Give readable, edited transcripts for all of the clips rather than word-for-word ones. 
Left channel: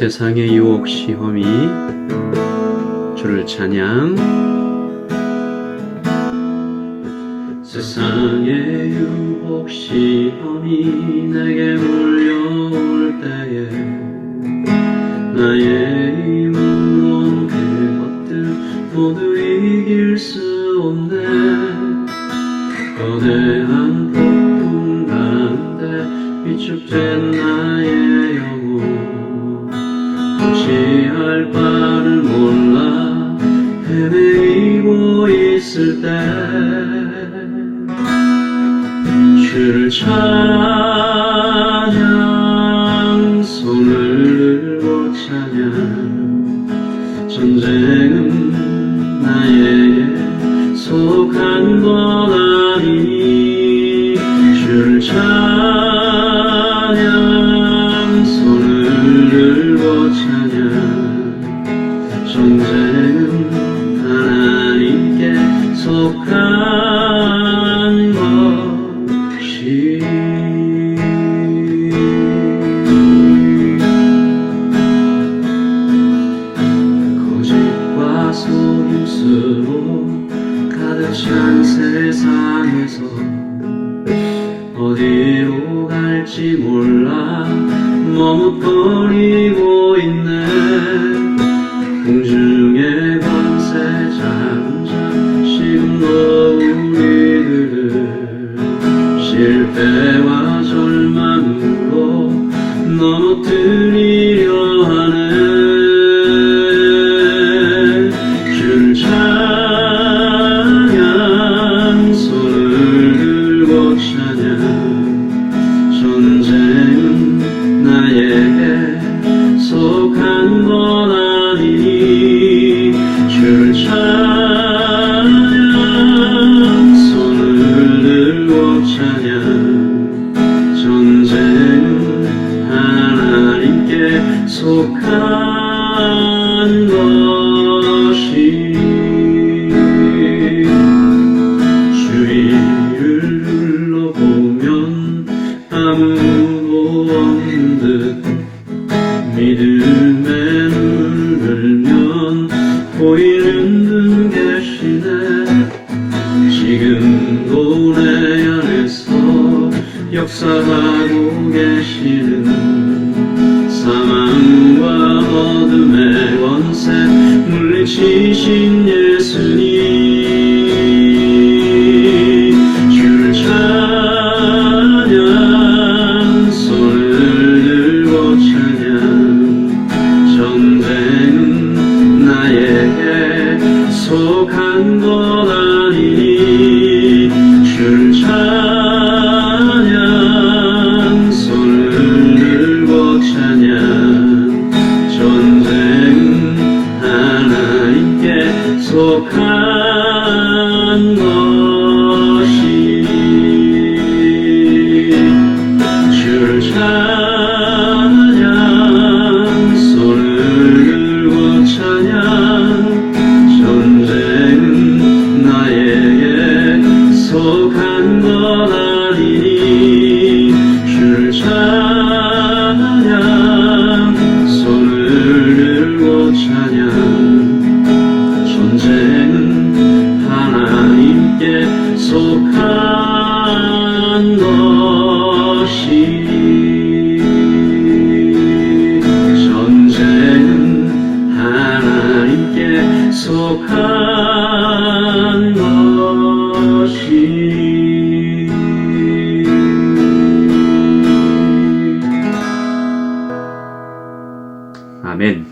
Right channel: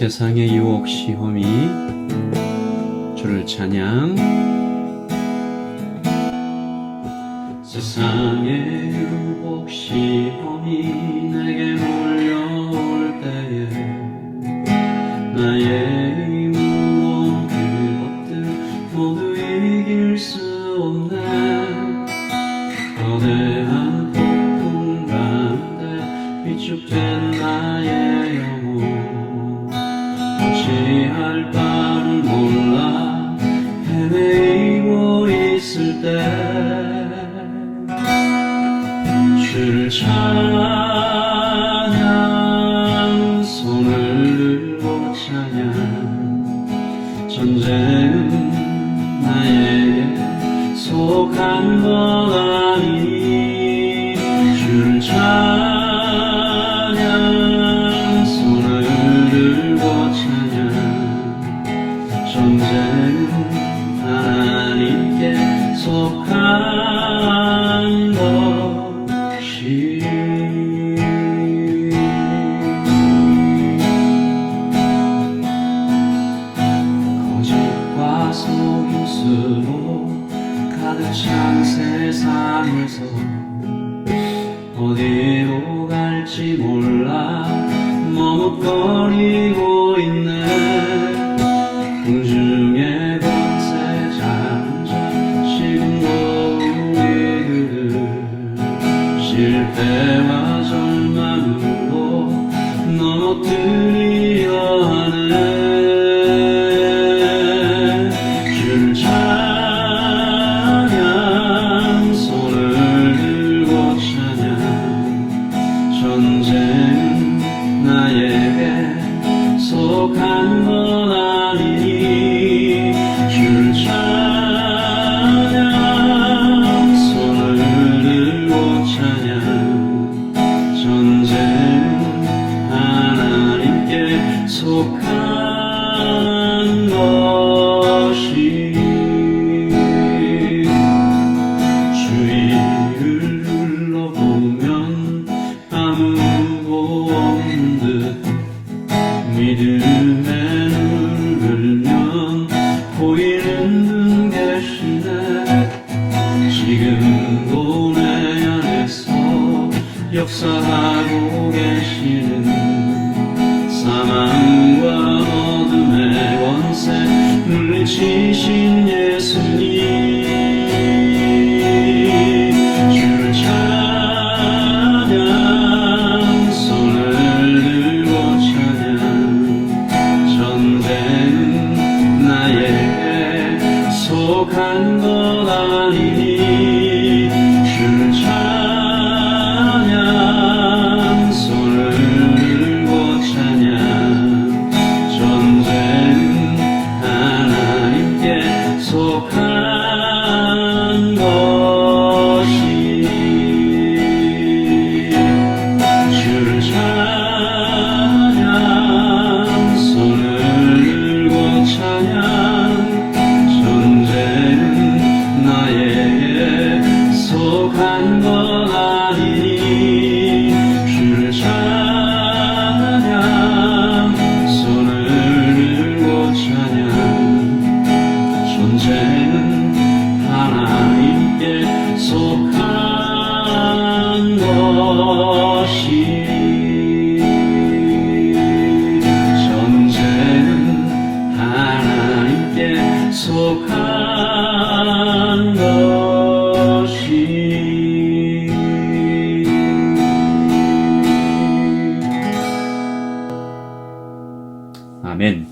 세상의 유혹 시험이 주를 찬양. 세상의 유혹 시험이 내게 몰려올 때에 나의 힘으론 그것들 모두 이길 수 없네. 거대한 폭풍 가운데 위축된 나의 영혼, 어찌할 바를 몰라 헤매이고 있을 때 주를 찬양, 손을 들고 찬양. 전쟁은 나에게 속한 것 아니니 주를 찬양, 손을 들고 찬양. 전쟁은 하나님께 속한 것이. 거짓과 속임수로 가득 찬 세상에서 어디로 갈지 몰라 머뭇거리고 있네. 공중의 권세 장자 지금도 우리들을 실패와 절망으로 넘어뜨리려 하네. 주를 찬양, 손을 들고 찬양. 전쟁은 나에게 속한 것 아니니 주를 찬양, 손을 들고 찬양. 전쟁은 하나님께 속한 것이. 주위를 둘러보면 아무도 없는 듯 믿음에 눈을 보이는 분 계시네. 지금도 내 안에서 역사하고 계시는 사망과 어둠의 권세 물리치신 예수님. 주를 찬양, 손을 들고 찬양. 전쟁은 나에게 속한 것 아니니 주를 찬양, 손을 들고 찬양. 전쟁은 하나님께 속한 것이. 주를 찬양, 손을 들고 찬양. 전쟁은 나에게 속한 것 아니니 주를 찬양, 손을 들고 찬양. 전쟁은 하나님께 속한 것이. 전쟁은 하나님께 속한 것이. 아멘.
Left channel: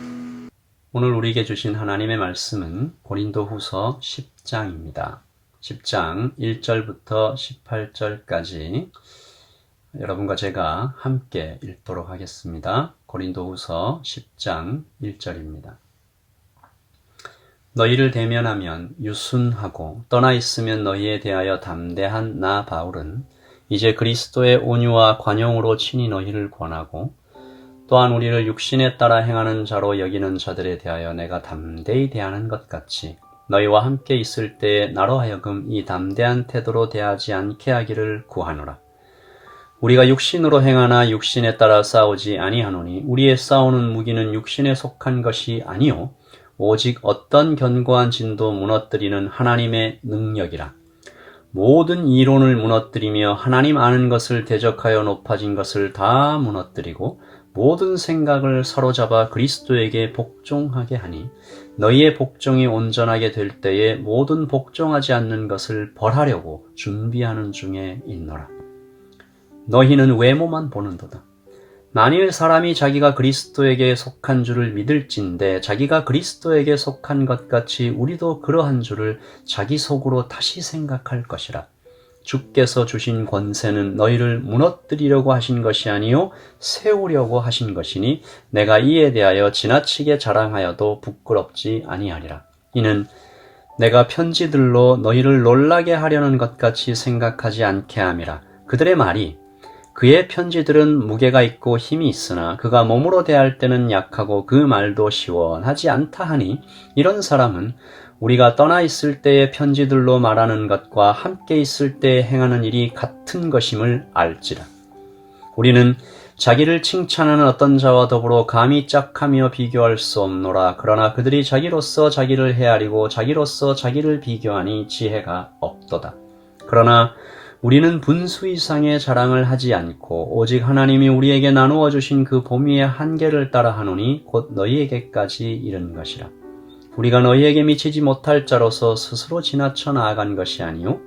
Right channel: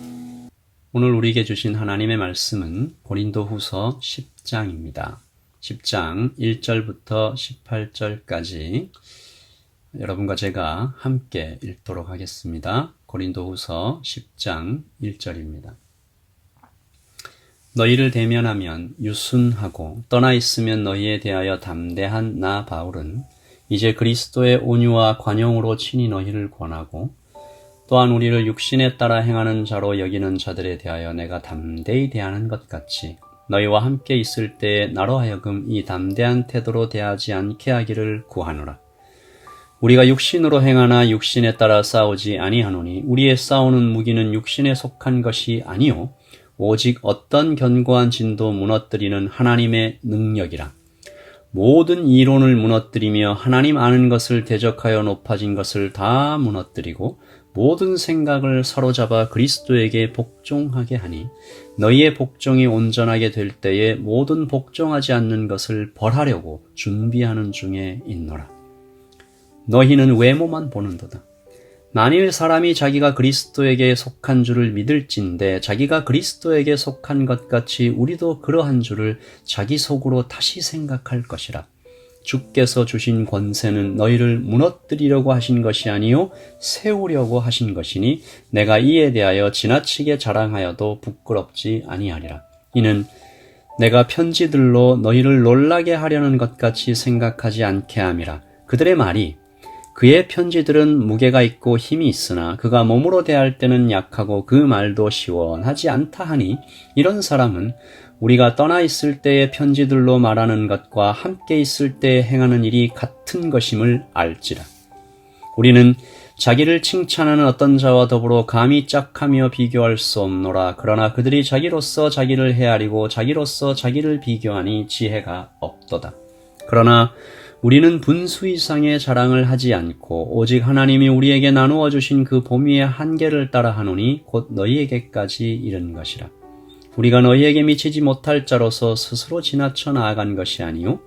오늘 우리에게 주신 하나님의 말씀은 고린도후서 10장입니다. 10장 1절부터 18절까지 여러분과 제가 함께 읽도록 하겠습니다. 고린도후서 10장 1절입니다. 너희를 대면하면 유순하고 떠나 있으면 너희에 대하여 담대한 나 바울은 이제 그리스도의 온유와 관용으로 친히 너희를 권하고 또한 우리를 육신에 따라 행하는 자로 여기는 자들에 대하여 내가 담대히 대하는 것 같이 너희와 함께 있을 때에 나로 하여금 이 담대한 태도로 대하지 않게 하기를 구하노라. 우리가 육신으로 행하나 육신에 따라 싸우지 아니하노니 우리의 싸우는 무기는 육신에 속한 것이 아니요 오직 어떤 견고한 진도 무너뜨리는 하나님의 능력이라. 모든 이론을 무너뜨리며 하나님 아는 것을 대적하여 높아진 것을 다 무너뜨리고 모든 생각을 사로잡아 그리스도에게 복종하게 하니 너희의 복종이 온전하게 될 때에 모든 복종하지 않는 것을 벌하려고 준비하는 중에 있노라. 너희는 외모만 보는도다. 만일 사람이 자기가 그리스도에게 속한 줄을 믿을진대 자기가 그리스도에게 속한 것 같이 우리도 그러한 줄을 자기 속으로 다시 생각할 것이라. 주께서 주신 권세는 너희를 무너뜨리려고 하신 것이 아니요 세우려고 하신 것이니 내가 이에 대하여 지나치게 자랑하여도 부끄럽지 아니하리라. 이는 내가 편지들로 너희를 놀라게 하려는 것 같이 생각하지 않게 함이라. 그들의 말이 그의 편지들은 무게가 있고 힘이 있으나 그가 몸으로 대할 때는 약하고 그 말도 시원하지 않다 하니 이런 사람은 우리가 떠나 있을 때의 편지들로 말하는 것과 함께 있을 때 행하는 일이 같은 것임을 알지라. 우리는 자기를 칭찬하는 어떤 자와 더불어 감히 짝하며 비교할 수 없노라. 그러나 그들이 자기로서 자기를 헤아리고 자기로서 자기를 비교하니 지혜가 없도다. 그러나 우리는 분수 이상의 자랑을 하지 않고 오직 하나님이 우리에게 나누어 주신 그 보미의 한계를 따라 하노니 곧 너희에게까지 이른 것이라. 우리가 너희에게 미치지 못할 자로서 스스로 지나쳐 나아간 것이 아니요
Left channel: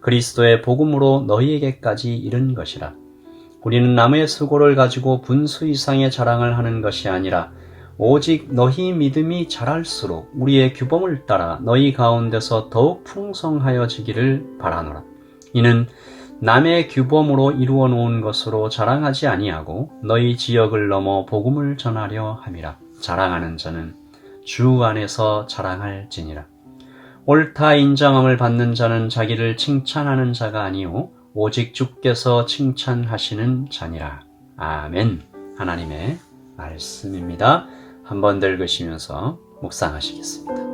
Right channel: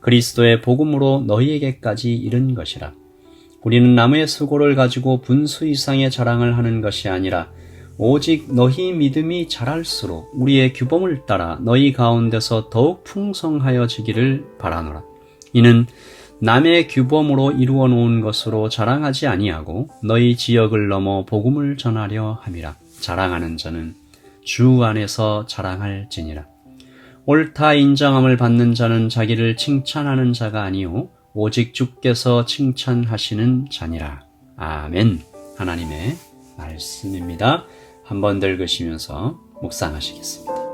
그리스도의 복음으로 너희에게까지 이른 것이라. 우리는 남의 수고를 가지고 분수 이상의 자랑을 하는 것이 아니라 오직 너희 믿음이 자랄수록 우리의 규범을 따라 너희 가운데서 더욱 풍성하여지기를 바라노라. 이는 남의 규범으로 이루어 놓은 것으로 자랑하지 아니하고 너희 지역을 넘어 복음을 전하려 함이라. 자랑하는 자는 주 안에서 자랑할지니라. 옳다 인정함을 받는 자는 자기를 칭찬하는 자가 아니요 오직 주께서 칭찬하시는 자니라. 아멘. 하나님의 말씀입니다. 한번 더 읽으시면서 묵상하시겠습니다.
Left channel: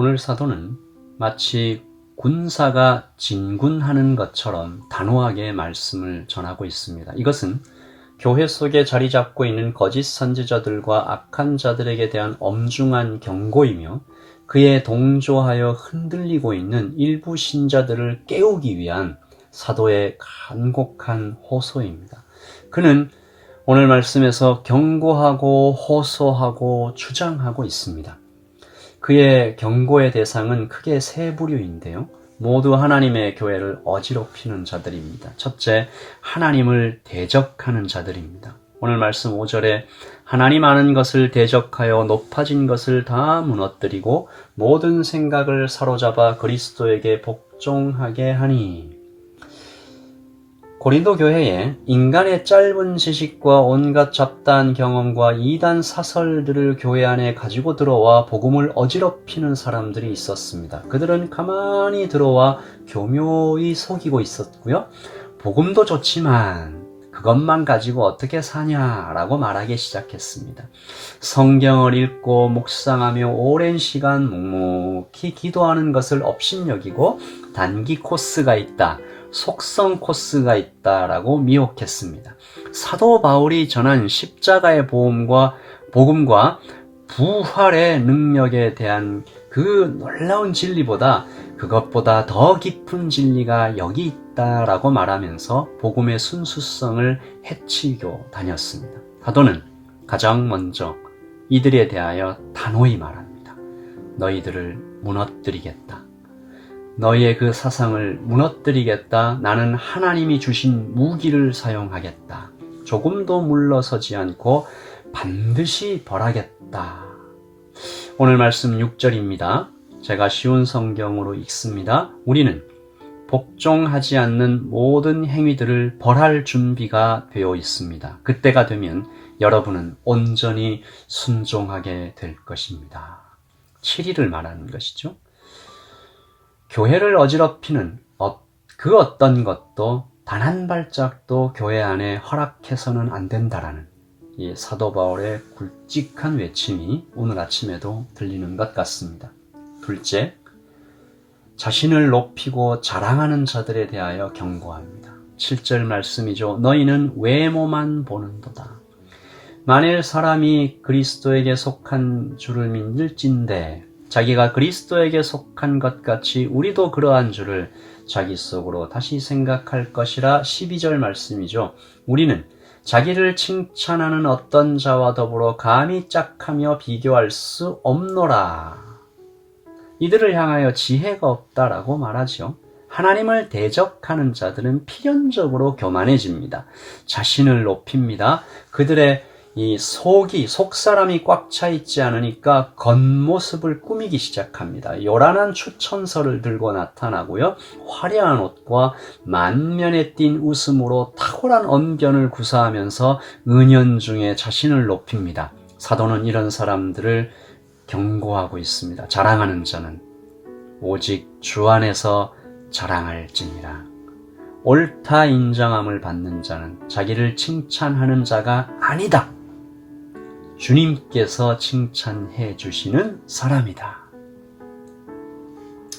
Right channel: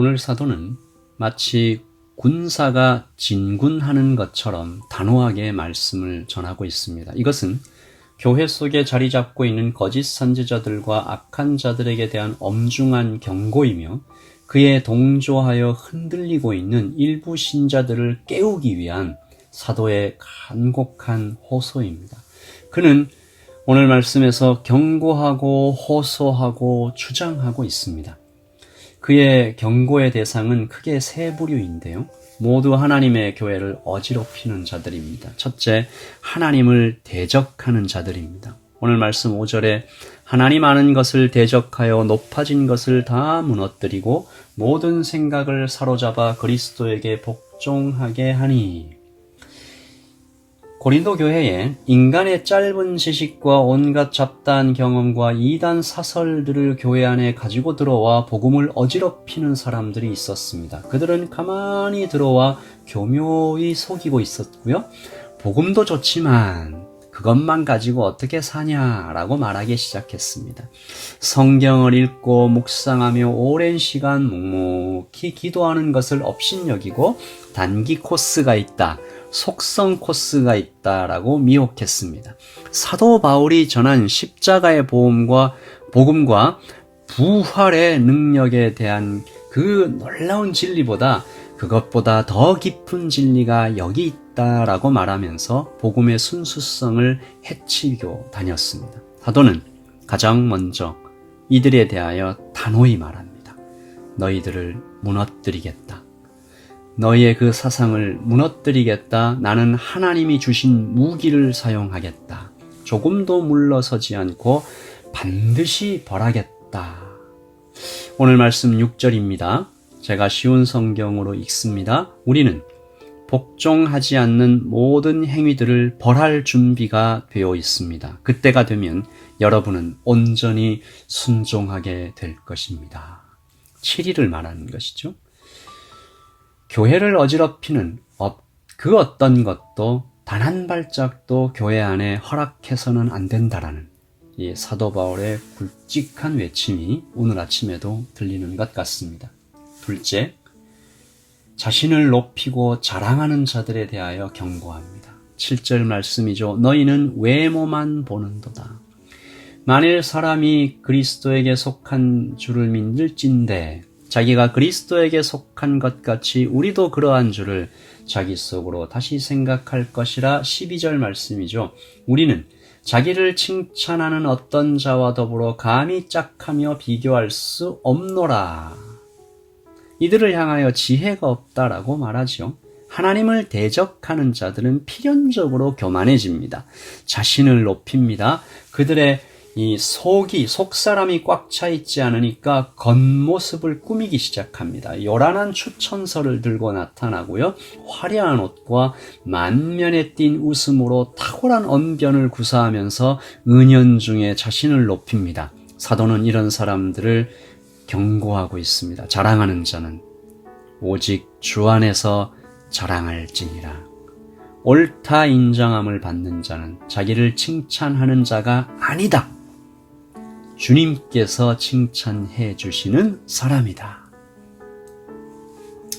오늘 사도는 마치 군사가 진군하는 것처럼 단호하게 말씀을 전하고 있습니다. 이것은 교회 속에 자리 잡고 있는 거짓 선지자들과 악한 자들에게 대한 엄중한 경고이며 그에 동조하여 흔들리고 있는 일부 신자들을 깨우기 위한 사도의 간곡한 호소입니다. 그는 오늘 말씀에서 경고하고 호소하고 주장하고 있습니다. 그의 경고의 대상은 크게 세 부류인데요. 모두 하나님의 교회를 어지럽히는 자들입니다. 첫째, 하나님을 대적하는 자들입니다. 오늘 말씀 5절에 하나님 아는 것을 대적하여 높아진 것을 다 무너뜨리고 모든 생각을 사로잡아 그리스도에게 복종하게 하니. 고린도 교회에 인간의 짧은 지식과 온갖 잡다한 경험과 이단 사설들을 교회 안에 가지고 들어와 복음을 어지럽히는 사람들이 있었습니다. 그들은 가만히 들어와 교묘히 속이고 있었고요. 복음도 좋지만 그것만 가지고 어떻게 사냐라고 말하기 시작했습니다. 성경을 읽고 묵상하며 오랜 시간 묵묵히 기도하는 것을 업신여기고 단기 코스가 있다, 속성 코스가 있다라고 미혹했습니다. 사도 바울이 전한 십자가의 복음과 부활의 능력에 대한 그 놀라운 진리보다 그것보다 더 깊은 진리가 여기 있다라고 말하면서 복음의 순수성을 해치고 다녔습니다. 사도는 가장 먼저 이들에 대하여 단호히 말합니다. 너희들을 무너뜨리겠다. 너희의 그 사상을 무너뜨리겠다. 나는 하나님이 주신 무기를 사용하겠다. 조금도 물러서지 않고 반드시 벌하겠다. 오늘 말씀 6절입니다. 제가 쉬운 성경으로 읽습니다. 우리는 복종하지 않는 모든 행위들을 벌할 준비가 되어 있습니다. 그때가 되면 여러분은 온전히 순종하게 될 것입니다. 7일을 말하는 것이죠. 교회를 어지럽히는 그 어떤 것도 단 한 발짝도 교회 안에 허락해서는 안 된다라는 이 사도 바울의 굵직한 외침이 오늘 아침에도 들리는 것 같습니다. 둘째, 자신을 높이고 자랑하는 자들에 대하여 경고합니다. 7절 말씀이죠. 너희는 외모만 보는도다. 만일 사람이 그리스도에게 속한 줄을 믿을진대 자기가 그리스도에게 속한 것 같이 우리도 그러한 줄을 자기 속으로 다시 생각할 것이라 12절 말씀이죠. 우리는 자기를 칭찬하는 어떤 자와 더불어 감히 짝하며 비교할 수 없노라. 이들을 향하여 지혜가 없다라고 말하죠. 하나님을 대적하는 자들은 필연적으로 교만해집니다. 자신을 높입니다. 그들의 이 속사람이 꽉 차 있지 않으니까 겉모습을 꾸미기 시작합니다. 요란한 추천서를 들고 나타나고요. 화려한 옷과 만면에 띈 웃음으로 탁월한 언변을 구사하면서 은연중에 자신을 높입니다. 사도는 이런 사람들을 경고하고 있습니다. 자랑하는 자는 오직 주 안에서 자랑할지니라. 옳다 인정함을 받는 자는 자기를 칭찬하는 자가 아니다. 주님께서 칭찬해 주시는 사람이다.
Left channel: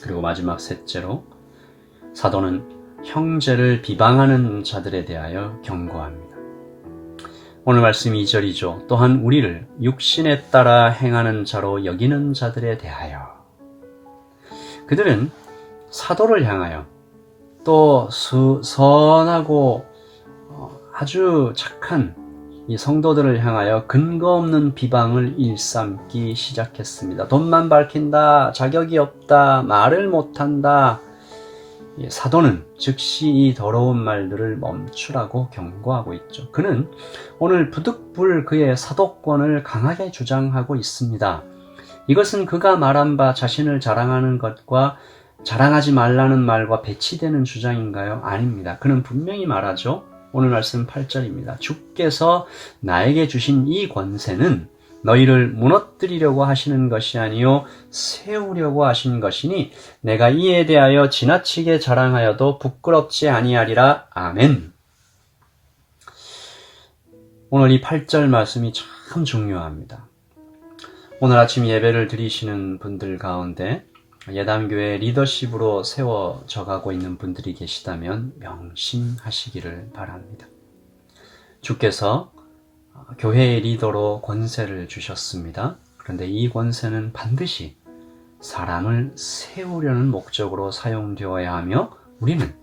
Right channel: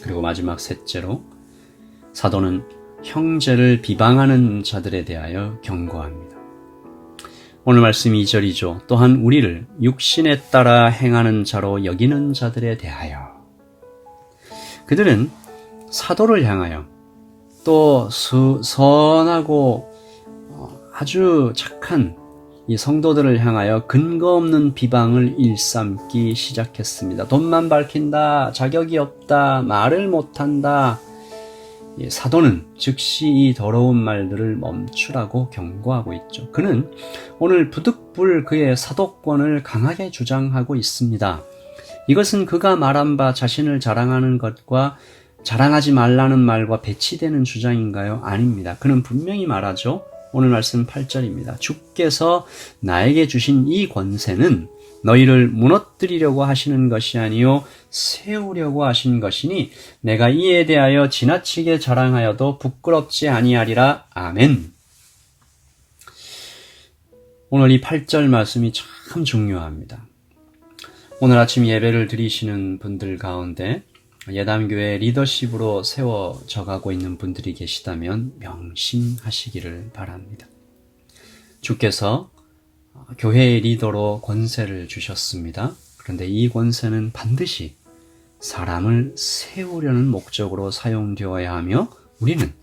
그리고 마지막 셋째로 사도는 형제를 비방하는 자들에 대하여 경고합니다. 오늘 말씀 2절이죠. 또한 우리를 육신에 따라 행하는 자로 여기는 자들에 대하여. 그들은 사도를 향하여 또 선하고 아주 착한 이 성도들을 향하여 근거 없는 비방을 일삼기 시작했습니다. 돈만 밝힌다, 자격이 없다, 말을 못한다. 사도는 즉시 이 더러운 말들을 멈추라고 경고하고 있죠. 그는 오늘 부득불 그의 사도권을 강하게 주장하고 있습니다. 이것은 그가 말한 바 자신을 자랑하는 것과 자랑하지 말라는 말과 배치되는 주장인가요? 아닙니다. 그는 분명히 말하죠. 오늘 말씀 8절입니다. 주께서 나에게 주신 이 권세는 너희를 무너뜨리려고 하시는 것이 아니요 세우려고 하신 것이니 내가 이에 대하여 지나치게 자랑하여도 부끄럽지 아니하리라. 아멘. 오늘 이 8절 말씀이 참 중요합니다. 오늘 아침 예배를 드리시는 분들 가운데 예담교회 리더십으로 세워져 가고 있는 분들이 계시다면 명심하시기를 바랍니다. 주께서 교회의 리더로 권세를 주셨습니다. 그런데 이 권세는 반드시 사람을 세우려는 목적으로 사용되어야 하며 우리는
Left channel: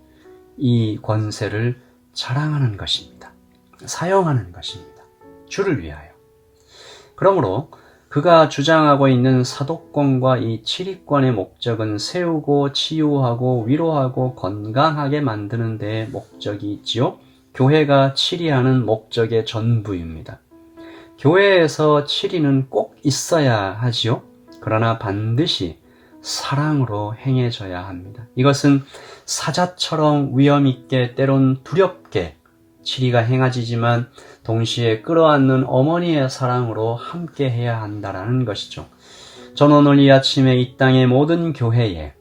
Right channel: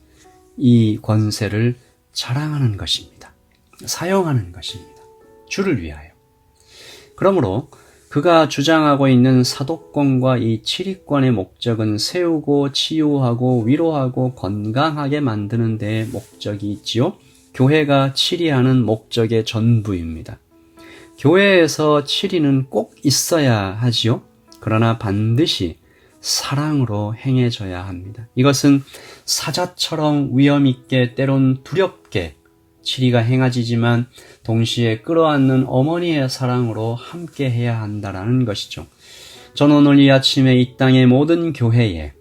이 권세를 자랑하는 것입니다. 사용하는 것입니다. 주를 위하여. 그러므로 그가 주장하고 있는 사도권과 이 치리권의 목적은 세우고 치유하고 위로하고 건강하게 만드는 데에 목적이 있지요. 교회가 치리하는 목적의 전부입니다. 교회에서 치리는 꼭 있어야 하지요. 그러나 반드시 사랑으로 행해져야 합니다. 이것은 사자처럼 위험있게 때론 두렵게 치리가 행해지지만 동시에 끌어안는 어머니의 사랑으로 함께 해야 한다라는 것이죠. 저는 오늘 이 아침에 이 땅의 모든 교회에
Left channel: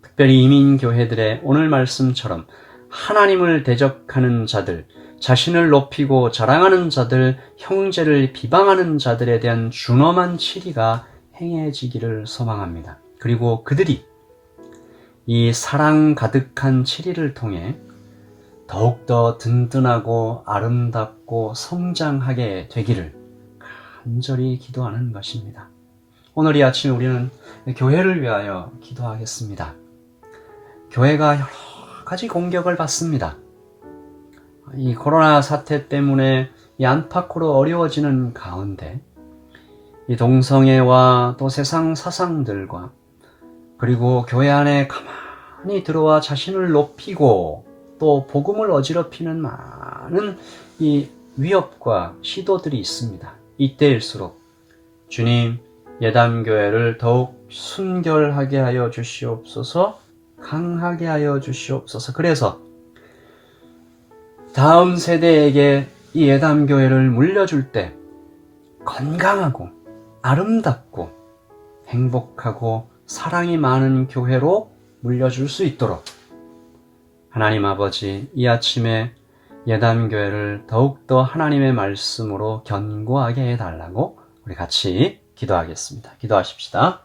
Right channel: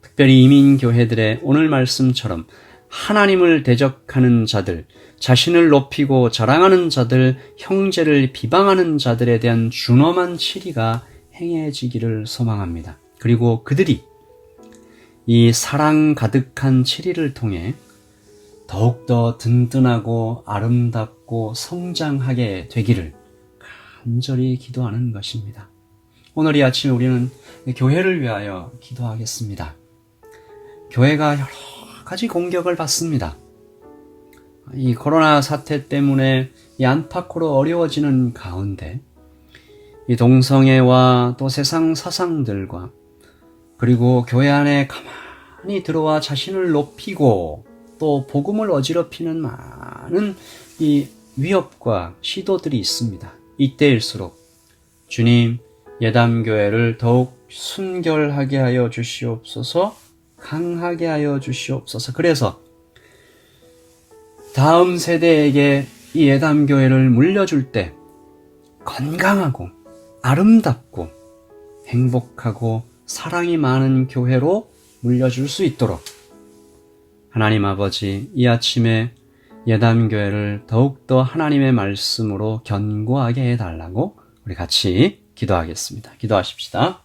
특별히 이민교회들의 오늘 말씀처럼 하나님을 대적하는 자들, 자신을 높이고 자랑하는 자들, 형제를 비방하는 자들에 대한 준엄한 치리가 행해지기를 소망합니다. 그리고 그들이 이 사랑 가득한 치리를 통해 더욱더 든든하고 아름답고 성장하게 되기를 간절히 기도하는 것입니다. 오늘 이 아침에 우리는 교회를 위하여 기도하겠습니다. 교회가 여러 가지 공격을 받습니다. 이 코로나 사태 때문에 이 안팎으로 어려워지는 가운데 이 동성애와 또 세상 사상들과 그리고 교회 안에 가만히 들어와 자신을 높이고 또 복음을 어지럽히는 많은 이 위협과 시도들이 있습니다. 이때일수록 주님, 예담교회를 더욱 순결하게 하여 주시옵소서, 강하게 하여 주시옵소서. 그래서 다음 세대에게 이 예담교회를 물려줄 때 건강하고 아름답고 행복하고 사랑이 많은 교회로 물려줄 수 있도록 하나님 아버지, 이 아침에 예담교회를 더욱더 하나님의 말씀으로 견고하게 해달라고 우리 같이 기도하겠습니다. 기도하십시다.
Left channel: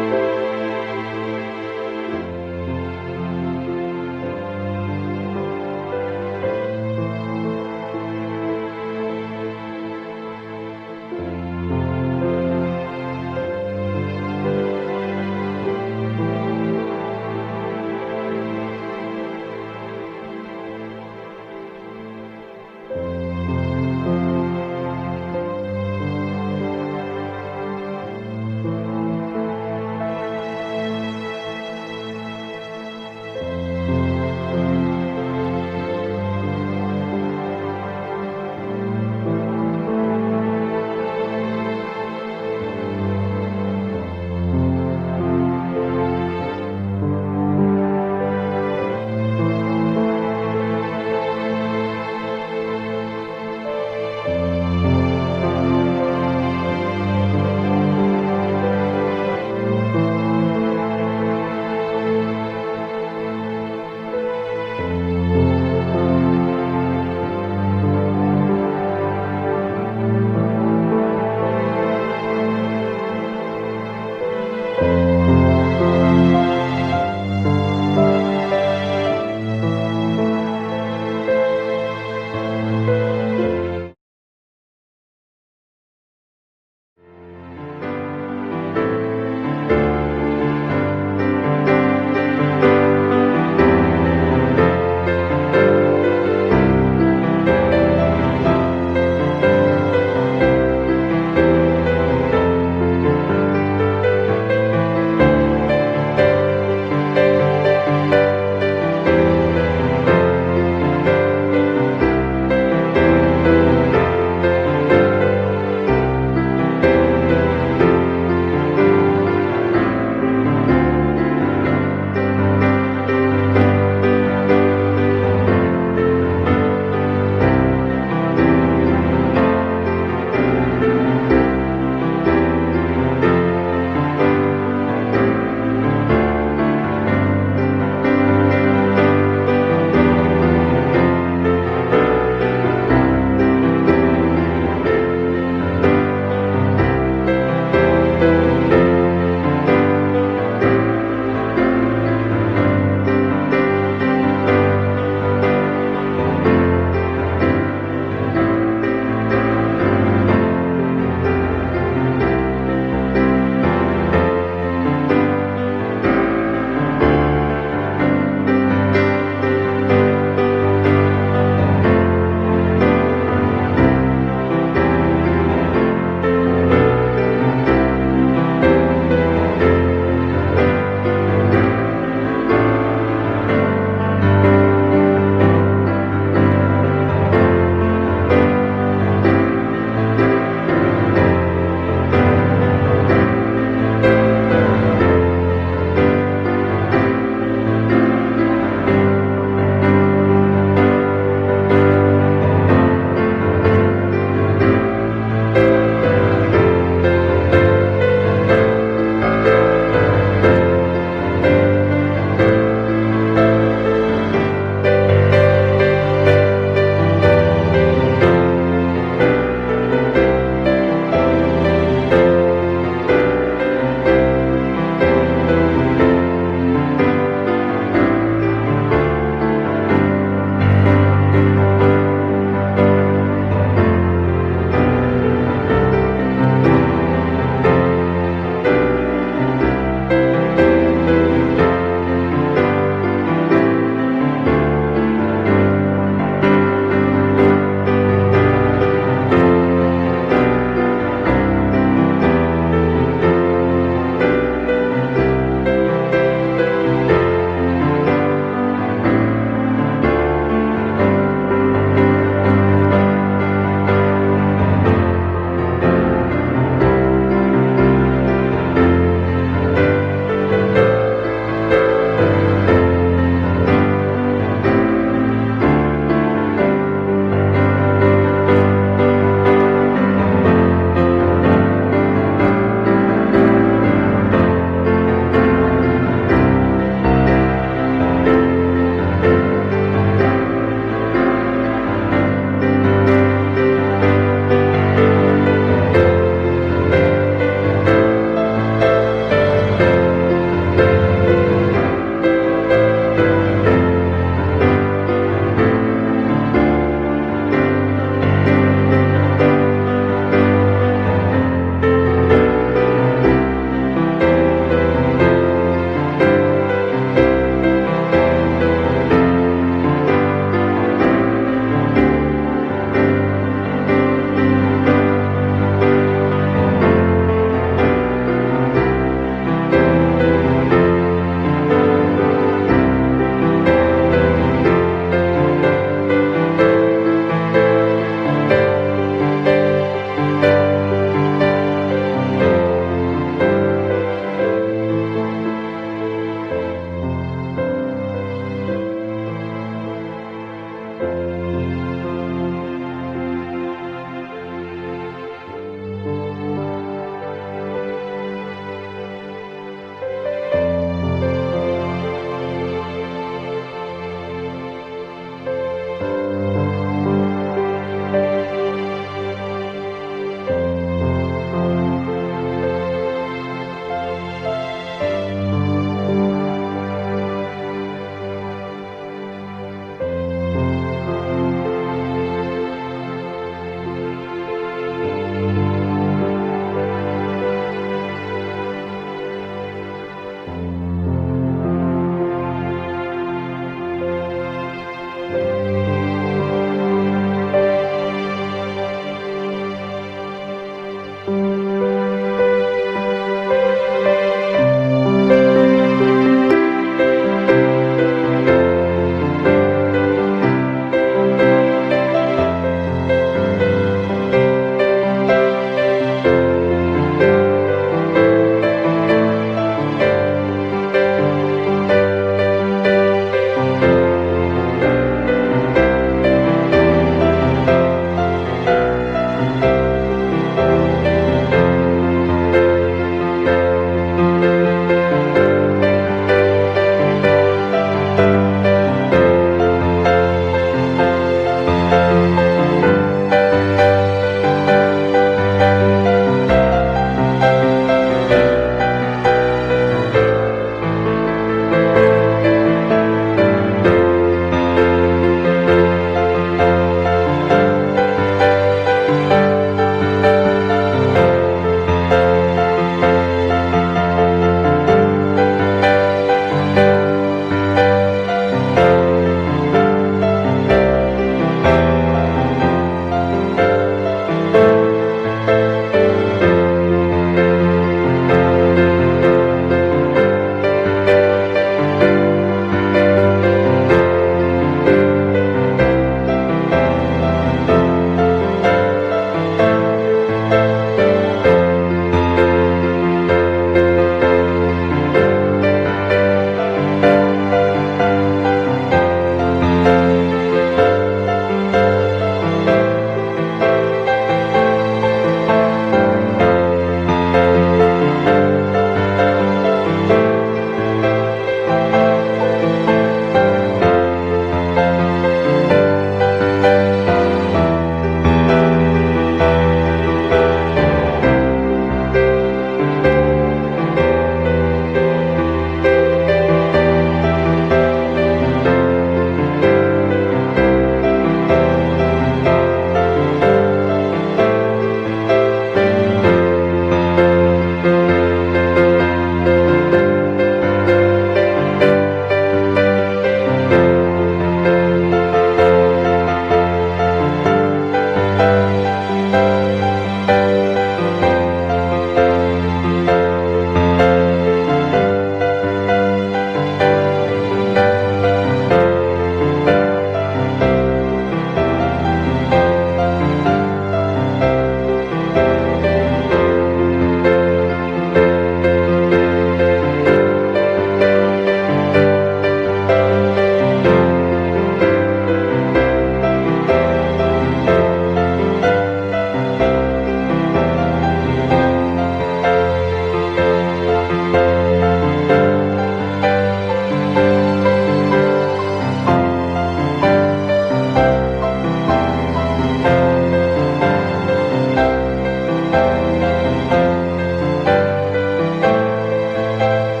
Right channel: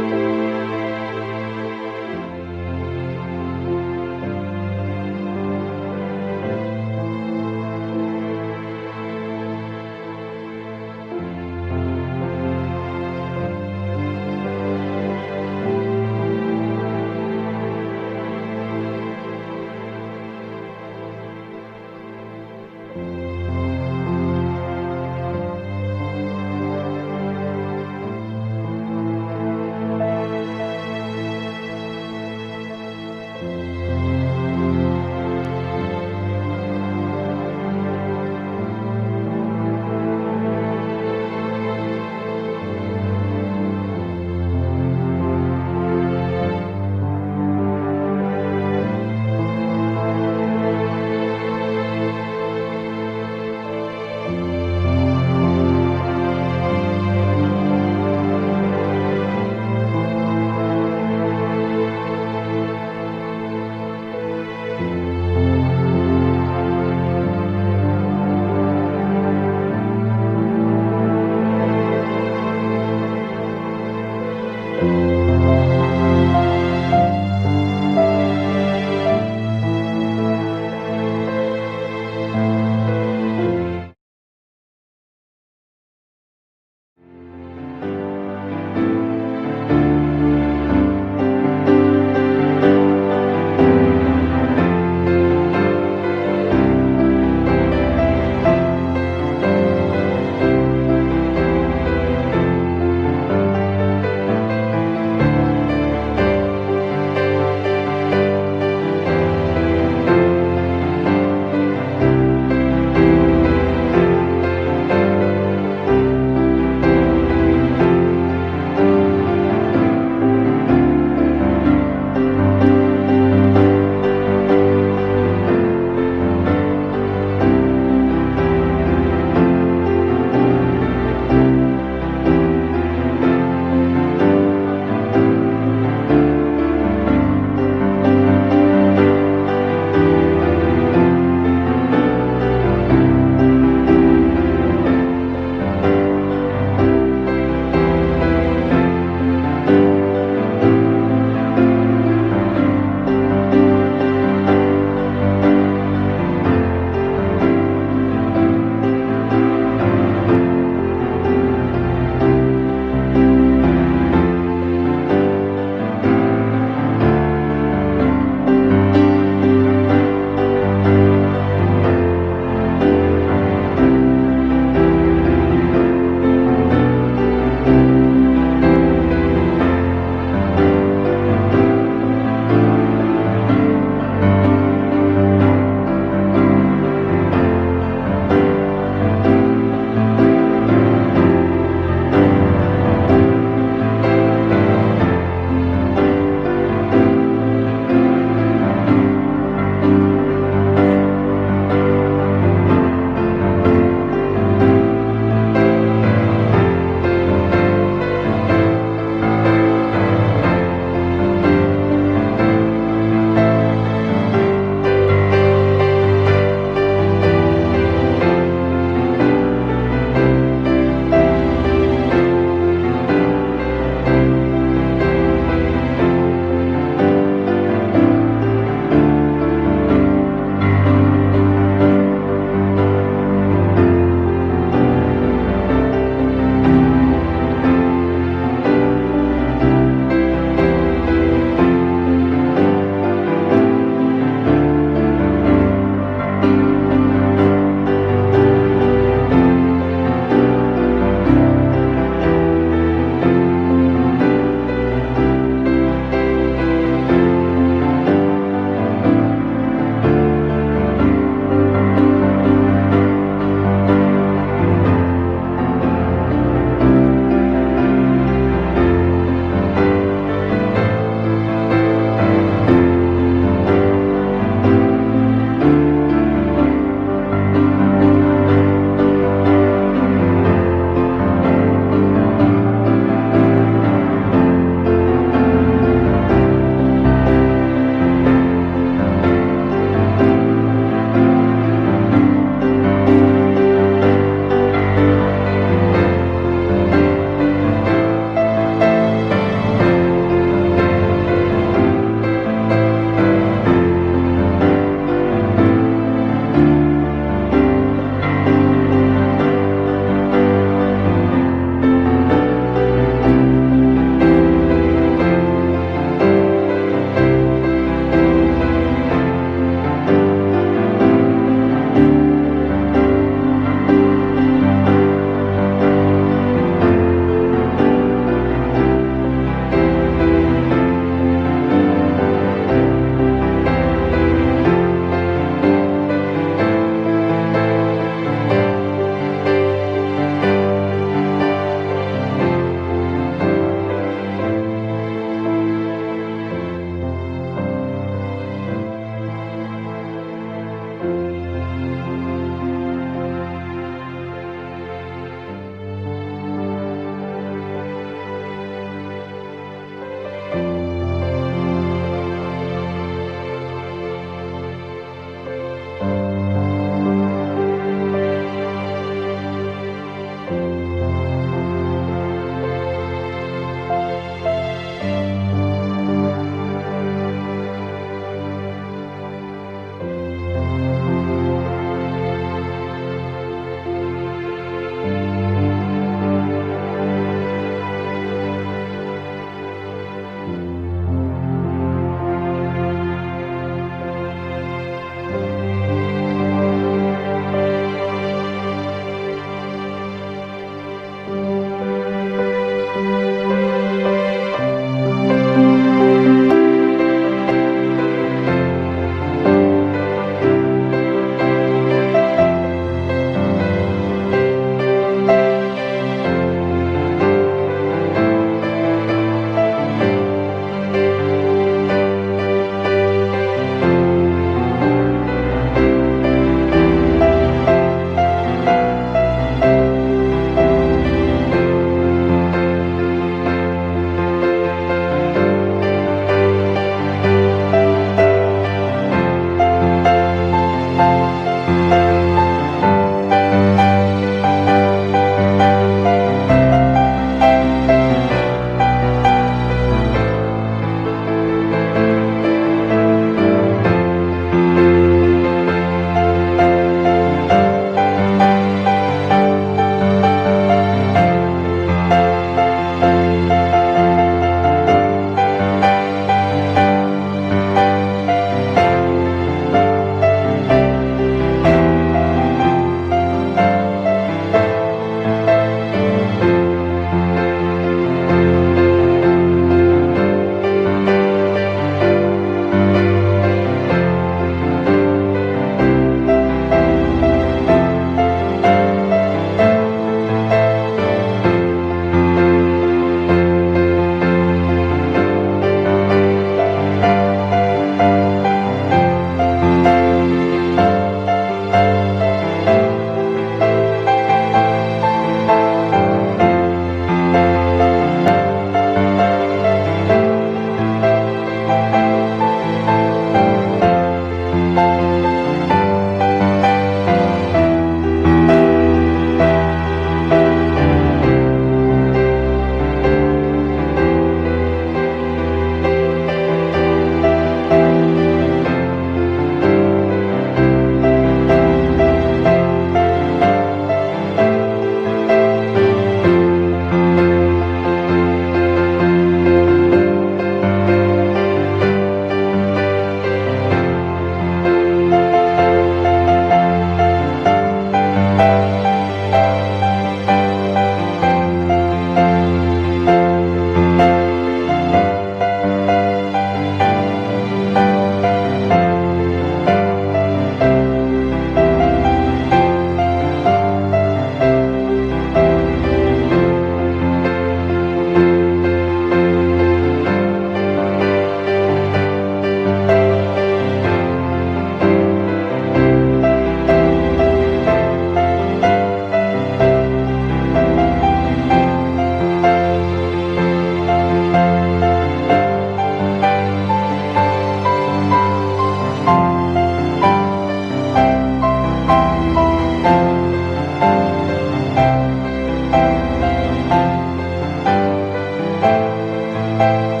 아멘.